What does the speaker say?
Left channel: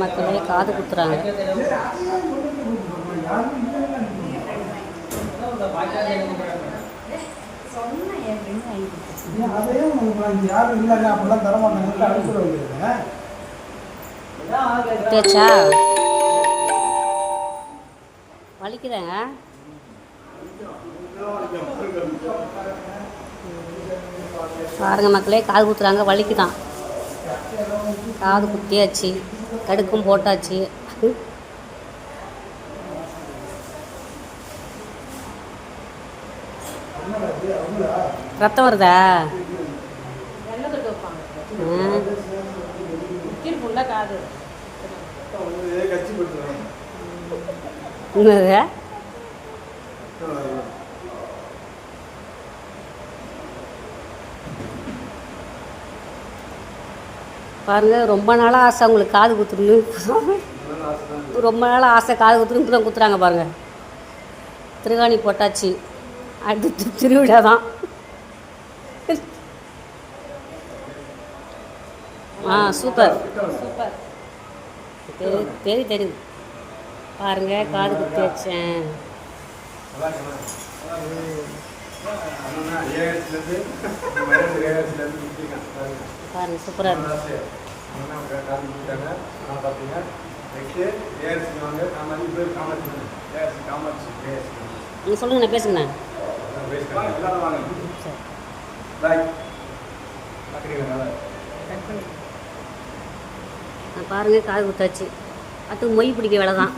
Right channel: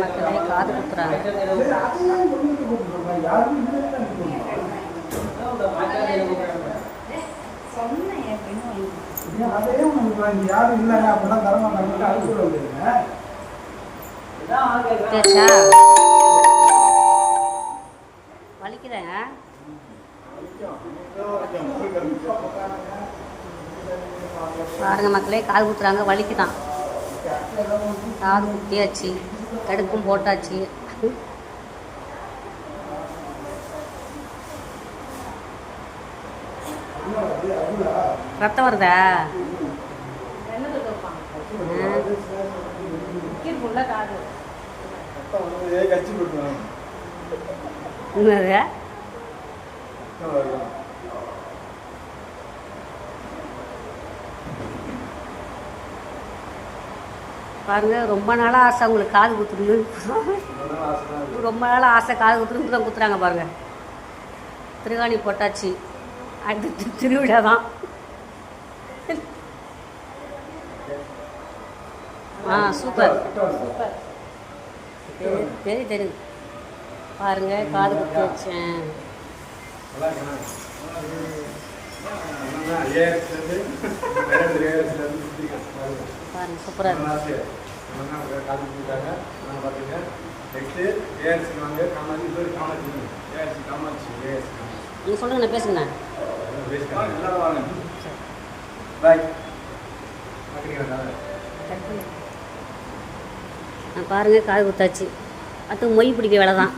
மக்களே காது குத்துறாங்க. வலிக்கிறேங்க. பாருங்க மக்களே காது குத்துறாங்க. வலிக்குதான். காது குத்தியாச்சு, கடுக்கும் போட்டாச்சு. ரத்தம் வருதா? பாருங்க, ரொம்ப நாளாக ஆசை அவங்களுக்கு காது குத்துறணும். ரொம்ப நாளாக ஆசை காது குத்துறணும் தான் குத்துறாங்க. பாருங்க, திருகாணி போட்டாச்சு. அடுத்து திருவிழா தான். Super super. தெரியும். பாருங்க, காது குத்தி வச்சேன். பாருங்க, சூப்பராக இருக்கு. நீங்கள் சொல்லுங்கண்ணா, பேசுங்கண்ணா. பாருங்க, காது குத்தாச்சு. அடுத்து மொய் பிடிக்க வேலை தான்.